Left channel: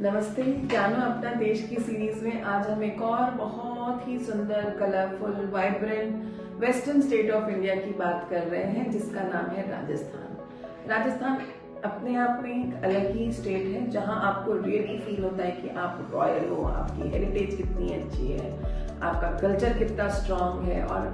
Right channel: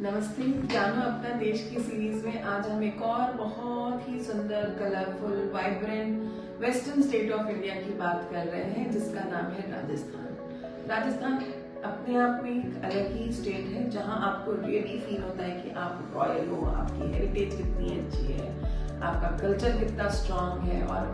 नमस्ते। जानो अपना देश की सीरीज में आज हम एक और बहुत ही सुंदर, colourful, vibrant western state of India की बात कर रहे हैं, जिसका नाम है राजस्थान। राजस्थान अपने आप में एक अलग ही स्टेट है, जहां आपको रियली फील होता है कि आप रॉयल हो, आपकी हेरिटेज कितनी अच्छी है, आपका कल्चर कितना स्ट्रांग है और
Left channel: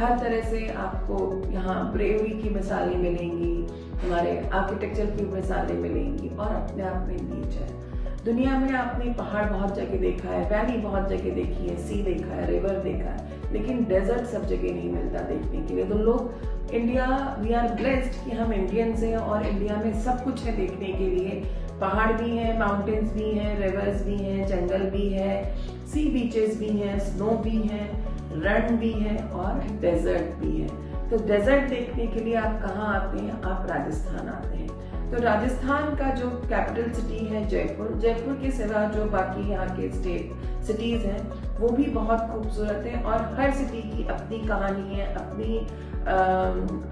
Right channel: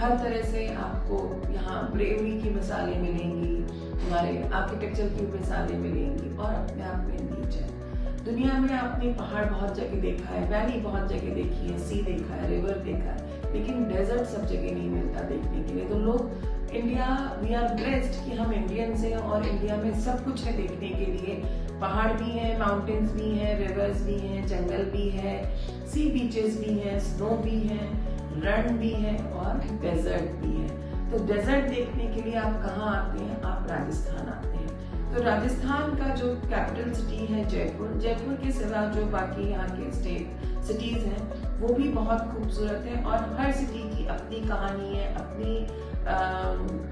हर तरह से आपको यहाँ ब्रेवरी की मिसालें मिलेंगी, हमारे आर्किटेक्चर की मिसालें मिलेंगी और अपने आप में बीच है। दुनिया में आपने पहाड़ बहुत जगह देखा है, वैली बहुत जगह देखी है, सी देखा है, रिवर देखा है, लेकिन डेजर्ट सब जगह नहीं मिलता देखने के लिए। तो लोग इंडिया, वी आर ब्लेस्ड कि हम इंडियंस हैं और इंडिया में सब कुछ है देखने के लिए। पहाड़ भी हैं, माउंटेन्स भी हैं, रिवर्स भी हैं, जंगल भी है, सी बीचेस भी हैं, स्नो भी है, रण भी है और डेजर्ट भी है। तो डेजर्ट देखने के लिए आप कहाँ आते हैं? आप राजस्थान आते हैं। तो राजस्थान का जो कैपिटल सिटी है जयपुर, जयपुर के सिवा जो बाकी यहाँ के स्टेट सिटीज हैं वो भी बहुत खूबसूरत है और हर सिटी की अपनी कहानी है,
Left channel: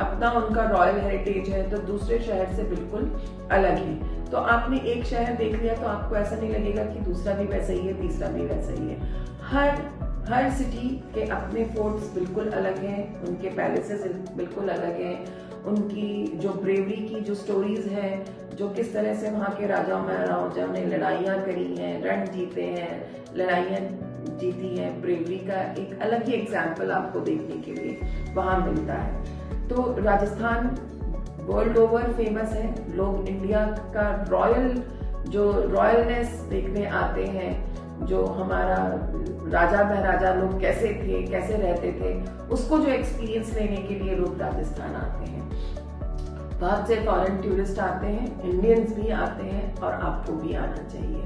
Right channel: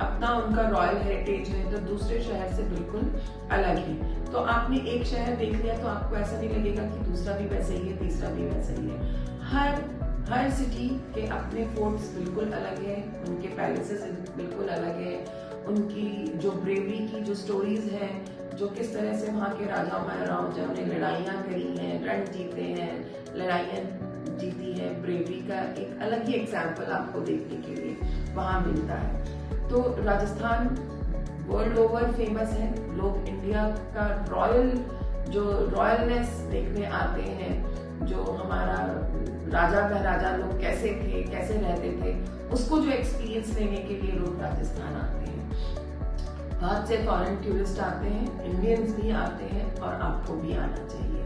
अपना उनका रॉयल हेरिटेज है, तो दूसरे शहर से बिल्कुल अलग है। तो आपने एक शहर देख लिया तो आपको ऐसा नहीं लगेगा कि दूसरा भी वैसा ही है, तीसरा भी वैसा ही है। हर सिटी के अपने फोर्ट्स बिल्कुल अलग हैं, उनके पैलेसेस बिल्कुल अलग हैं, उनकी जो ब्रेवरी की जो स्टोरीज हैं, जो किस तरह से वहाँ के राजा महाराजाओं ने लड़ाइयाँ करी हैं, रण जीते हैं, लड़ाइयाँ जीती हैं, ब्रेवरी का एक अलग ही एग्जाम्पल आपको देखने के लिए वहाँ मिलता है। तो राजस्थान वर्ल्ड ओवर फेमस है। लोग इंडिया का रॉयलनेस देखने आते हैं, जो हमारा राजा महाराजा लोग कैसे थे, कैसे रहते थे, उसको जो एक्सपीरियंस लेने के लिए लोग राजस्थान आते हैं। बहुत से फॉरेन टूरिस्ट आते हैं, इंडियंस भी आते हैं और आपको भी आना चाहिए।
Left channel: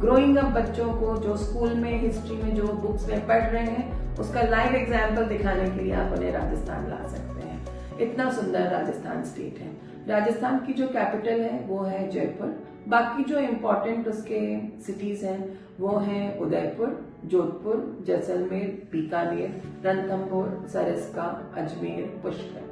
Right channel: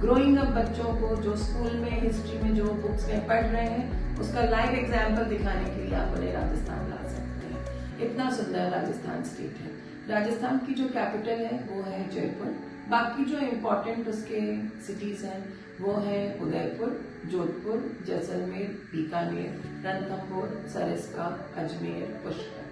ग्रोइंग अप बच्चों को जो स्कूल में हिस्ट्री में जो बुक्स में पढ़ रहे हैं, उसका लाइव एग्जाम्पल दिखाने के लिए आप उन्हें राजस्थान ला सकते हैं। इतना सुंदर राजस्थान स्टेट है। राजस्थान की जो कैपिटल है वो है जयपुर। बाकी जो इम्पोर्टेंट उसके सिटीज हैं वो हैं उदयपुर, जोधपुर, जैसलमेर, बीकानेर, रणथंभौर, सरिस्का, अजमेर, पुष्कर,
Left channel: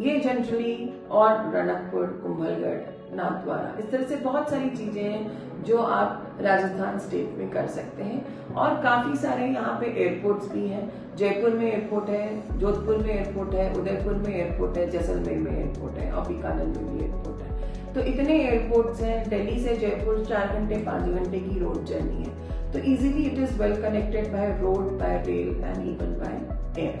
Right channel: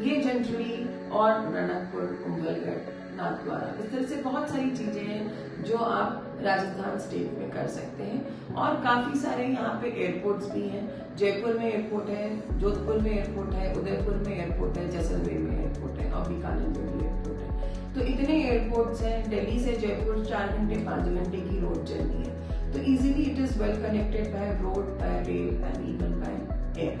ये जनरली, और रणकपुर, कुंभलगढ़, नाथद्वारा। इस तरह से बहुत सारी चीजें हैं जो आप राजस्थान स्टेट में कर सकते हैं और काफी सारे यहाँ पे एयरपोर्ट्स भी हैं। जयपुर में एयरपोर्ट है, जोधपुर में एयरपोर्ट है, उदयपुर में एयरपोर्ट है, जैसलमेर में एयरपोर्ट है और बीकानेर में भी एयरपोर्ट है। तो इतने एयरपोर्ट्स हैं। दिल्ली से जयपुर 4 घंटे 5 घंटे की रोड जर्नी है। तो easily it is well connected by road, bye rail and even by air.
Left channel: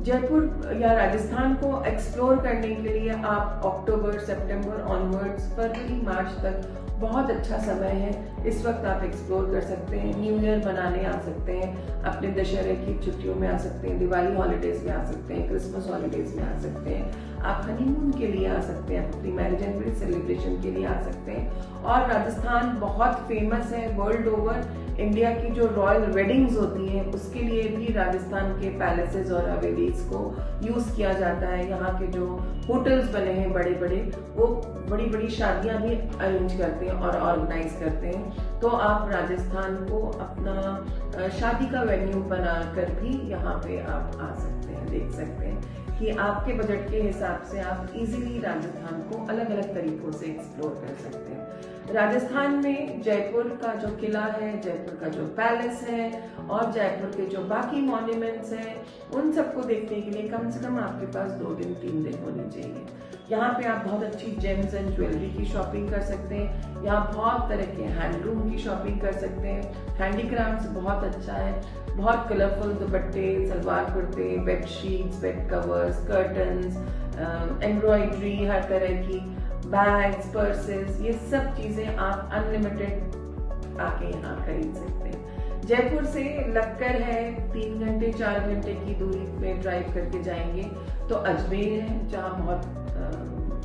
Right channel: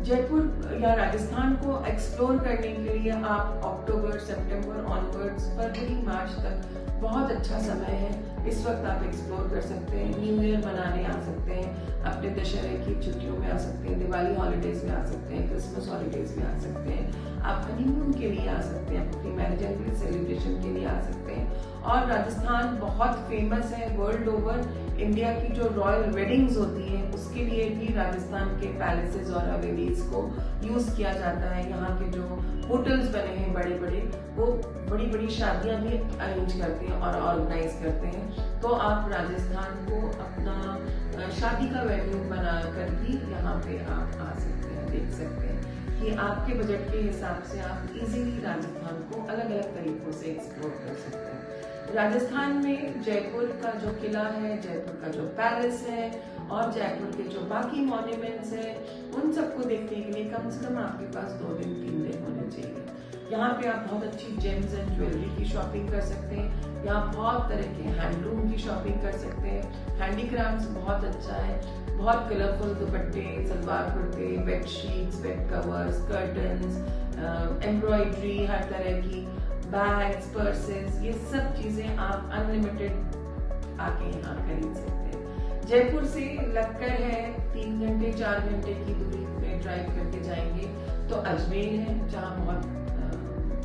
Jaipur या राजस्थान को एक्सप्लोर करने के लिए आप अक्टूबर, सितंबर ऑनवर्ड्स, फरवरी, मार्च तक बहुत अच्छा समय है। इस वक्त आप एक्सप्लोर कर सकते हैं, न्यू ईयर मनाने आ सकते हैं, अपने दशहरे की छुट्टियों में आ सकते हैं, दिवाली हॉलीडेज में आ सकते हैं, क्रिसमस हॉलीडेज में आ सकते हैं, आप हनीमून के लिए आ सकते हैं, अपनी मैरिज एनिवर्सरी सेलिब्रेशन के लिए आ सकते हैं। और राजस्थान बहुत फेमस है वर्ल्ड ओवर। इंडिया की जो रॉयल वेडिंग्स होती हैं उसके लिए भी राजस्थान के पैलेसेस और हवेलीज को यूज किया जाता है। यहाँ के जो होटल्स बने हैं बड़े बड़े, वो बड़ी बड़ी शादियां भी अरेंज करते हैं और ऑर्गेनाइज करते हैं। तो आप राजस्थान को अपना शादी का वेन्यू बनाकर भी यहाँ पे आप आ सकते हैं, देख सकते हैं कि आपके बजट के हिसाब से आप इजीली राजस्थान को अलग अलग तरीकों से एक्सप्लोर कर सकते हैं। राजस्थान में जयपुर का जो किला है, जयपुर का जो पैलेस है और जयपुर के जो बाकी मॉन्यूमेंट्स हैं, उन सबको देखने के लिए कम से कम आपके पास 2 दिन 3 दिन होने चाहिए। यहाँ पे आप बहुत अच्छी जेम्स एंड ज्वेलरी की शॉपिंग कर सकते हैं। यहाँ बहुत तरह के हैंडलूम की शॉपिंग कर सकते हैं। हैंडीक्राफ्ट्स बहुत अच्छा है, बहुत कलरफुल दुपट्टे, सलवार कुर्ते, bed sheets, bed covers, curtains, embroidery, हर तरह की बैग्स, पर्सेस, ये सब चीजें आप अनलिमिटेड आके यहाँ खरीद सकते हैं। जयपुर से लक्कर है, 3 घंटे 4 घंटे की दूरी में ड्राइव करके जाएंगे तो अजमेर है, जहाँ बहुत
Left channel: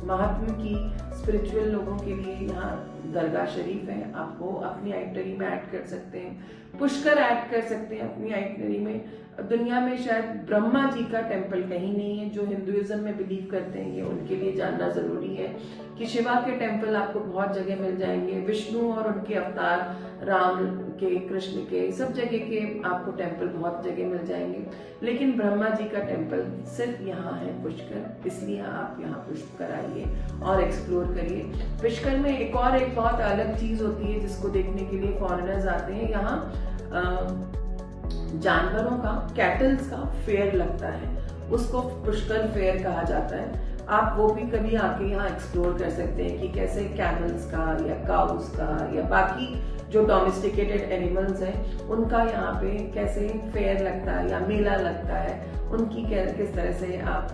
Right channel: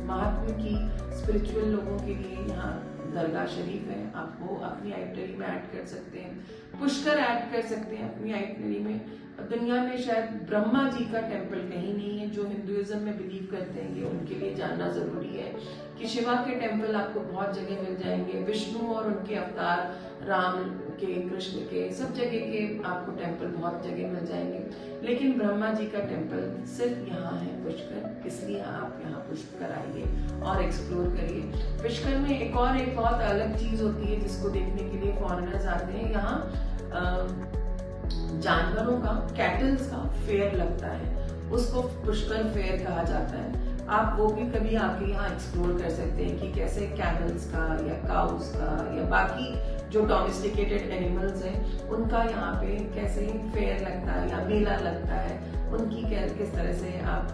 महात्मा की स्पिरिचुअल लोगों के लिए यहाँ दरगाह शरीफ है, आप वो अपनी आइटनरी में ऐड कर सकते हैं। पुष्कर ऐड कर सकते हैं अपनी आइटनरी में। दुनिया में शायद ब्रह्मा जी का टेम्पल कहीं नहीं है, जो हिंदुइज्म में बिलीव करते हैं ये उनके लिए जानना जरूरी है। कि शिवा के टेम्पल आपको बहुत जगह मिल जाएंगे, विष्णु और उनके अवतार राम के, कृष्ण के, सब जगह के आपको टेम्पल बहुत जगह मिल जाएंगे। लेकिन ब्रह्मा जी का टेम्पल सिर्फ यहाँ है पुष्कर, इसलिए आप यहाँ पुष्कर आइए और एक्सप्लोर करिए। पुष्कर में एक बहुत अलग चीज होती है जिसको देखने के लिए फॉरेनर्स आते हैं। यहाँ जानवरों का, कैटल्स का फेयर लगता है, उसको पुष्कर फेयर कहा जाता है। आप वो भी कभी आके यहाँ एक्सप्लोर कर सकते हैं कि कैसे कैमल्स का या काउस का या बाकी जो डोमेस्टिकेटेड एनिमल्स हैं उनका यहाँ पे कैसे फेयर लगता है या मेला लगता है, उनकी किस तरह से आप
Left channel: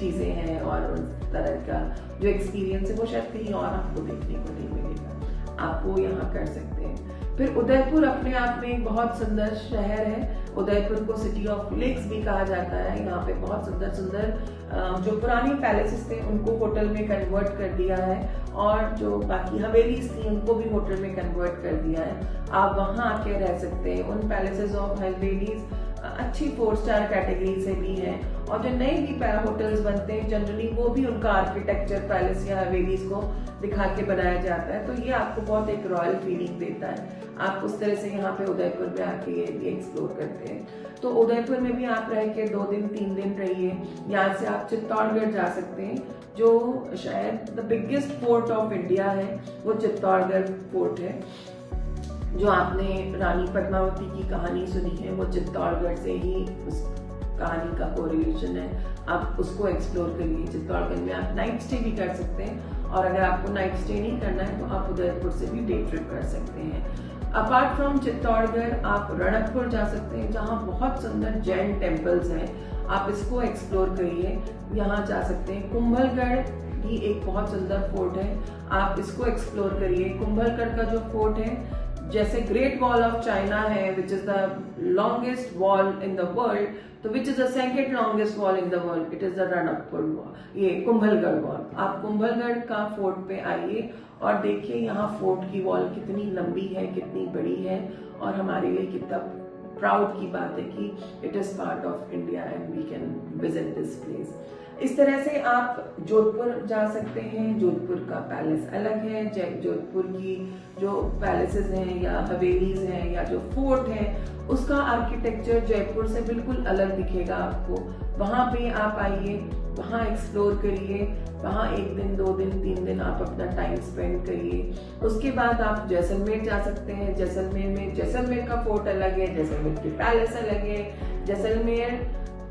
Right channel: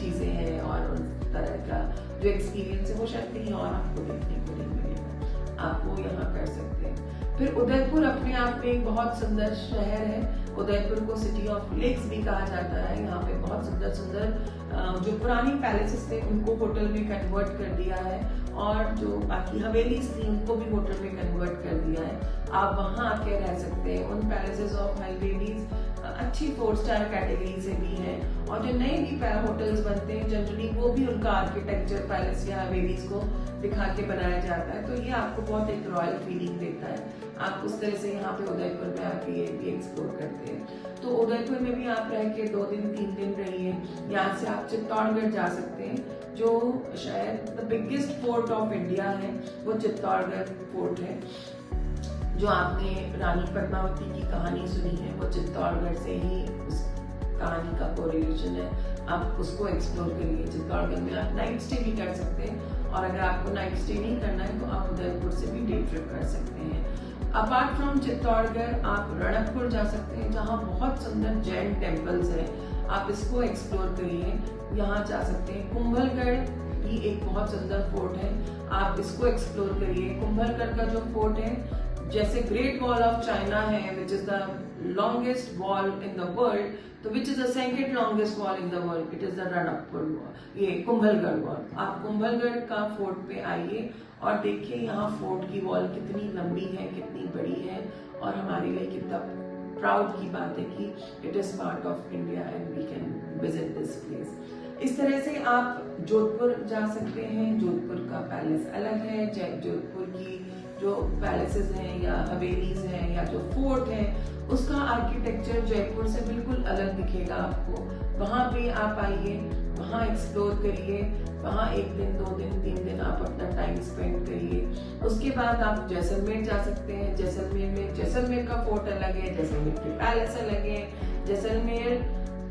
चीजें हैं और उस तरह का जो एक्सपीरियंस है वो शायद कहीं और आपको देखने को नहीं मिलेगा, आप वो यहाँ कर सकते हैं। फिर उदयपुर अपने आप में एक बहुत सुंदर शहर है। उदयपुर को सिटी ऑफ लेक्स भी कहा जाता है। यहाँ पे बहुत सुंदर सुंदर जो पुरानी पैलेसेस थे उनको होटल में कन्वर्ट कर दिया है, और जो बाकी हवेलीज थी उनको भी होटल में कन्वर्ट कर दिया है। आप वहाँ आके रह सकते हैं। उन पैलेसेस और हवेलीज अच्छी 4 स्टार कैटेगरी से भी हैं, और जो नए भी होटल्स बनते हैं जनरली वो भी उनका आर्किटेक्चर पैलेस या हवेलीज को दिखा के बनाया जाता है, तो ये आपको बहुत एक रॉयल फीलिंग देता है। आप उस तरह से यहाँ पे उदयपुर में आके ये भी एक्सप्लोर करते हैं। तो उदयपुर में भी आप रह के 2 दिन 3 दिन रहिए। यहाँ से आप चित्तौड़गढ़ जा सकते हैं, जो शायद the biggest fort of India है, वो चित्तौड़गढ़ फोर्ट है। जो आपने रानी पद्मावती की कहानी सुनी है वो चित्तौड़गढ़ से ही उस कहानी का कोरिलेशन है, आप उसको एक्सप्लोर करिए। चित्तौड़गढ़ में आप नाइट स्टे भी कर सकते हैं, और अगर आपको नाइट स्टे नहीं करना है तो आप उदयपुर से भी डे ट्रिप कर सकते हैं। अपार्ट फ्रॉम चित्तौड़गढ़ आप रणकपुर जा सकते हैं, जहाँ बहुत सुंदर जैन टेम्पल्स हैं, आप इसको एक्सप्लोर करिए। यहाँ जा सकते हैं। कुंभलगढ़ भी एक बहुत सुंदर फोर्ट है, आप इसको एक्सप्लोर करिए। कुंभलगढ़ का जो फोर्ट है, जैसे ग्रेट वॉल ऑफ चाइना है which is the longest wall in the world, तो which is the second longest wall in the world, it is the Ranakpur wall, ये कुंभलगढ़ वॉल। आप कुंभलगढ़ का फोर्ट पे आइए और देखिए यहाँ फोर्ट की वॉल कितनी लंबी है, कितनी बड़ी है, और हमारे लिए कितना प्राउड की बात है कि it is part of India and we can visit this place. इस तरह से आप जोधपुर जा सकते हैं। जोधपुर का पैलेस अलग है, जोधपुर की जो पैलेसेस हैं या हवेलीज हैं या जो फोर्ट है उसका आर्किटेक्चर जयपुर से बिल्कुल अलग दिखेगा आपको। वहां पे आप आइए, वहां एक्सप्लोर करिए, वहां 1 दिन 2 दिन 3 दिन आप अपना टाइम स्पेंड करिए। उसके बाद आप जैसलमेर जा सकते हैं। जैसलमेर का फोर्ट अलग है, जैसलमेर की पैलेस अलग है। जैसलमेर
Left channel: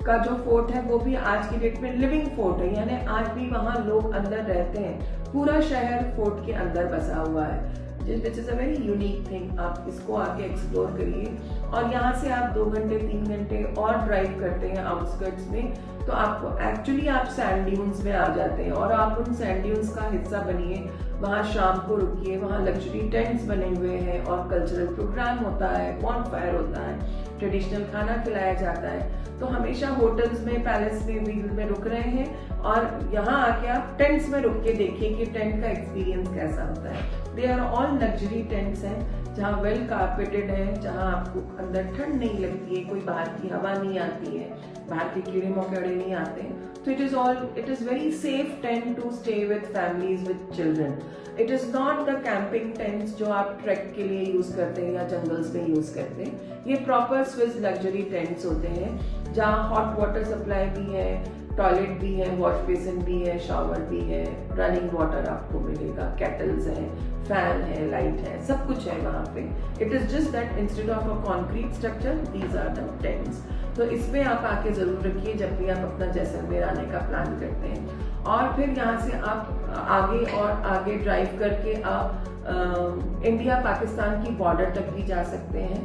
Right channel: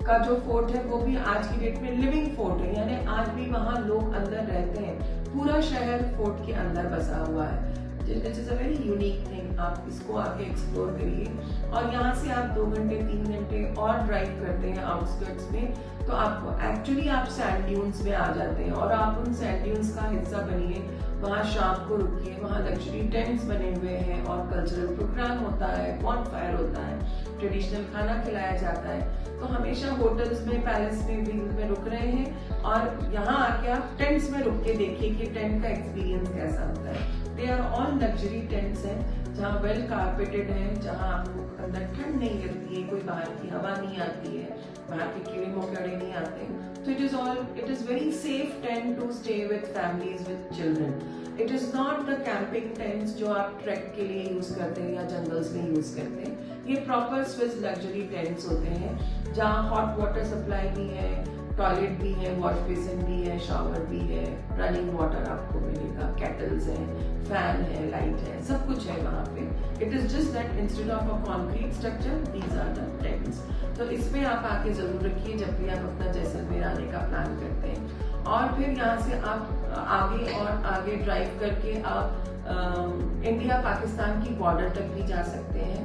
का जो फोर्ट है वो भी आज की डेट में लिविंग फोर्ट है, यानी आज भी वहाँ लोग अंदर रहते हैं। पूरा शहर फोर्ट के अंदर बसा हुआ है, which is a very unique thing. आप इसको आके एक्सप्लोर करिए। और यहाँ से आप 2 घंटे 3 घंटे और ड्राइव करते हैं आउटस्कर्ट्स में, तो आपको एक्चुअली आप सैंड ड्यून्स में आ जाते हैं, और आप उन सैंड ड्यून्स का हिस्सा बनिए। वहाँ शाम को रुकिए, वहाँ लग्जरी टेंट्स बने हुए हैं और कल्चरल प्रोग्राम होता है, बॉनफायर होता है, ट्रेडिशनल खाना खिलाया जाता है। तो हमेशा होटल्स में, पैलेस में, व्हील में रुक रहे हैं, और यहाँ आके आप टेंट्स में रुक के देखिए कि टेंट का एक्सपीरियंस कैसा होता है। They are all luxury tents हैं, जहाँ वेल कारपेटेड है, जहाँ आपको अंदर ठंड नहीं लगती है, कोई बाहर की हवा नहीं आती है, बाहर के कीड़े मकोड़े नहीं आते। तो it is very safe tent to stay with families with children. It is not the camping tents जो आप ट्रैक के लिए यूज करते हैं या जंगल्स में यूज करते हैं। ये प्रॉपर स्विस लग्जरी टेंट्स होते हैं, जहाँ हॉट वाटर सप्लाई भी है, टॉयलेट भी है, वॉश बेसिन भी है, शावर भी है, रनिंग वाटर आपको मिलेगा, केटल्स हैं, फैन है, लाइट है, सब कुछ है वहाँ पे। It is just that instead of a concrete structure these are the tents. तो इसमें आप आके जरूर रखिए जब भी आप अपना जैसलमेर आने का प्लान करते हैं। और फिर यहाँ से आप आगे और आगे ड्राइव करके आप इंडिया पाकिस्तान की बॉर्डर तक भी जा सकते हैं।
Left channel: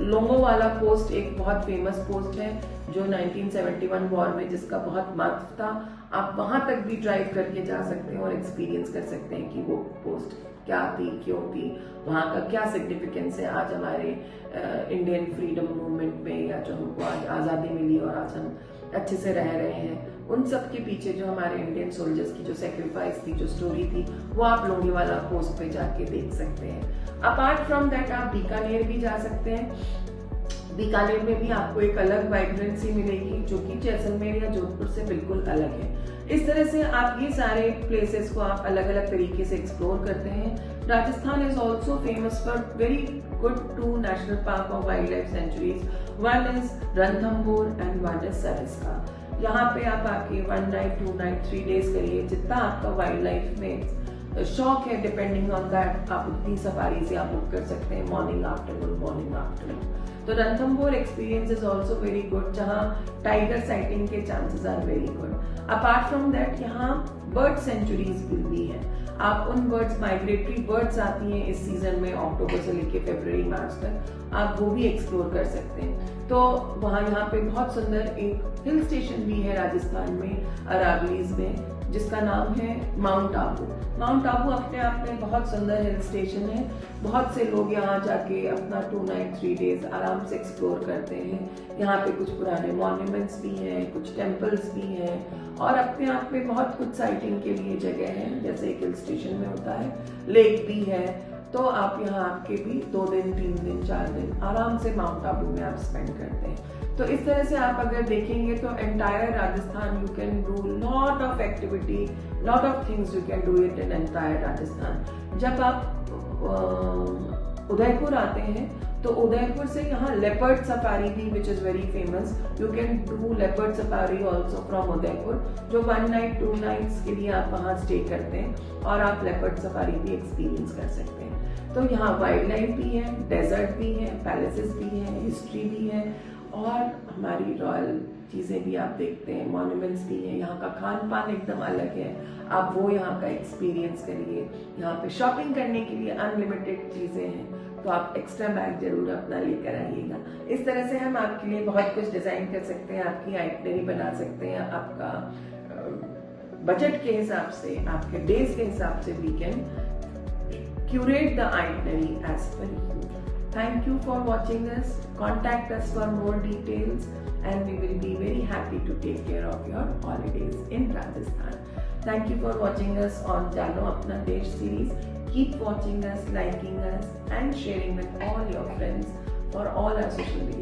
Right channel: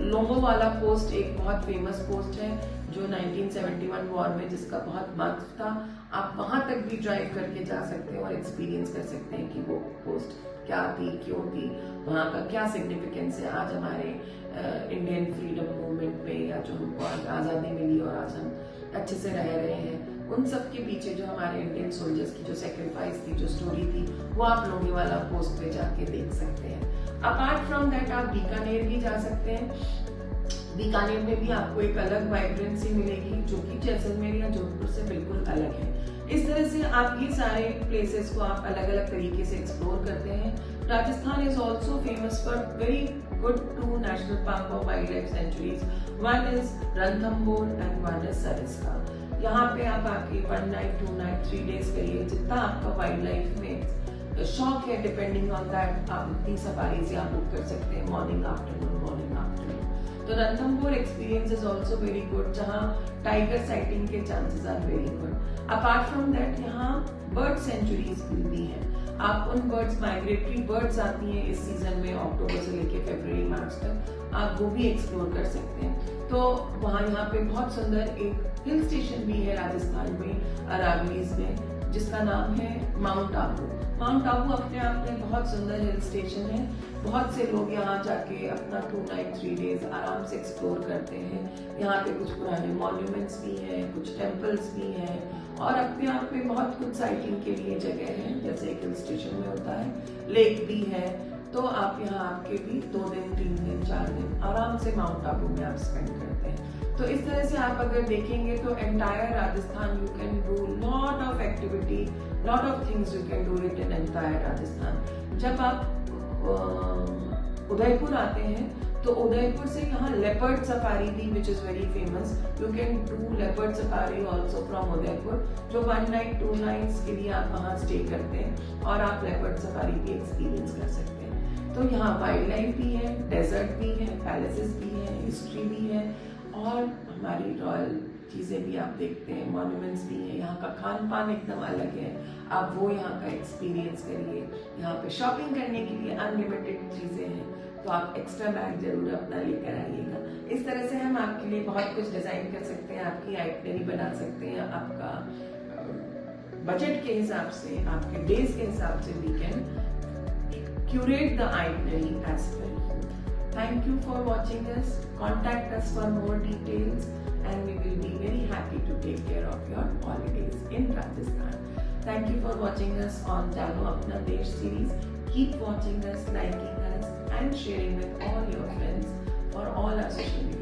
लोंगोवाला पोस्ट एक बहुत फेमस पोस्ट है जो 1971 वॉर में जिसका बहुत महत्व था। आप वहां तक भी ड्राइव करके जा सकते हैं और एक्सपीरियंस कर सकते हैं कि वो पोस्ट क्या थी, क्यों थी, वहां का क्या सिग्निफिकेंस है आज हमारे इंडियन फ्रीडम मूवमेंट में, या जो हमको आज आजादी मिली और आज हम अच्छे से रह रहे हैं। उन सब के पीछे जो हमारे इंडियन सोल्जर्स की जो सेक्रीफाइस थी, जो स्टोरी थी, वो आप लोंगेवाला पोस्ट पे जाके देख सकते हैं। अपार्ट फ्रॉम दैट आप बीकानेर भी जा सकते हैं। बीकानेर में भी आपको एक अलग वाइब्रेंसी मिलेगी जो कि जैसलमेर या जोधपुर से बिल्कुल अलग है। इस तरह से आप ये सारे प्लेसेस को आप अलग अलग तरीके से एक्सप्लोर करते हैं। Rajasthan is also famous for very good 2 national park और wild life sanctuaries, one is Ranthambore and one is Sariska. यहाँ पे आप आके 1 नाइट 2 नाइट 3 डेज करिए, जितना आपका वाइल्ड लाइफ में शौक है, डिपेंडिंग ऑन दैट आप इतनी सफारी से आप बुक कर सकते हैं, मॉर्निंग आफ्टरनून। तो Ranthambore experience is also very good, जहाँ टाइगर साइटिंग के chances are very good. Apart from that यहाँ बर्ड सेंचुरीज भी है। आप उन बर्ड्स, माइग्रेटरी बर्ड्स आती हैं इस सीजन में, अक्टूबर से लेके फरवरी मार्च तक, आप वो भी एक्सप्लोर कर सकते हैं। तो वहाँ यहाँ पे बहुत सुंदर एक हिल स्टेशन भी है राजस्थान में, अरावलीज में, जिसका नाम है माउंट आबू। माउंट आबू अपने आप में बहुत सुंदर हिल स्टेशन है। बहुत से लोग यहाँ जाके अपना 2 नाइट 3 डेज आराम से एक्सप्लोर करते हैं। यहाँ पे कुछ पुराने मॉन्यूमेंट्स भी हैं, कुछ टेम्पल्स भी हैं, और अपने आप में बहुत कुछ साइटिंग के लिए जगह है, जैसे एक हिल स्टेशन में होता है, लेक भी है। तो आप यहाँ आके भी 2 दिन 3 दिन 4 दिन आराम से माउंट आबू में आप स्पेंड करते हैं। तो इस तरह से आप अगर देखेंगे तो entire Rajasthan you can do lot of activity, lot of things you can do it in entire Rajasthan. जब आप उदयपुर आते हैं तो उदयपुर से यहाँ लेपर्ड सफारी भी, which is very famous, you can do leopard safari also from Udaipur, जो 1 नाइट 2 नाइट्स के लिए आप वहाँ स्टे करते हैं और आप लेपर्ड सफारी भी एक्सपीरियंस कर सकते हैं। तो यहाँ वाइल्ड लाइफ भी है, डेजर्ट भी है, पैलेसेस भी है, हिस्ट्री भी है, और हमारी रॉयल चीजें भी आप देखते हैं, मॉन्यूमेंट्स भी हैं। यहाँ का खान पान एकदम अलग है, आप वो यहाँ का एक्सपीरियंस करिए। यहाँ पे शॉपिंग करने के लिए अनलिमिटेड चीजें हैं, तो आप एक्स्ट्रा बैग जरूर अपना लेकर आइएगा। इस तरह से हम आपके लिए बहुत कुछ डिजाइन कर सकते हैं, आपकी आइटनरी बना सकते हैं, आपका बजट के हिसाब से, आपके डेज के हिसाब से we can curate the itinerary as per you. Thank you for watching us. Contact us for more details and we will be very happy to take care of your holidays in Rajasthan. Thank you for watching us on Jano Apna Desh series. Keep watching us, liking us and sharing with all your friends for all our social media.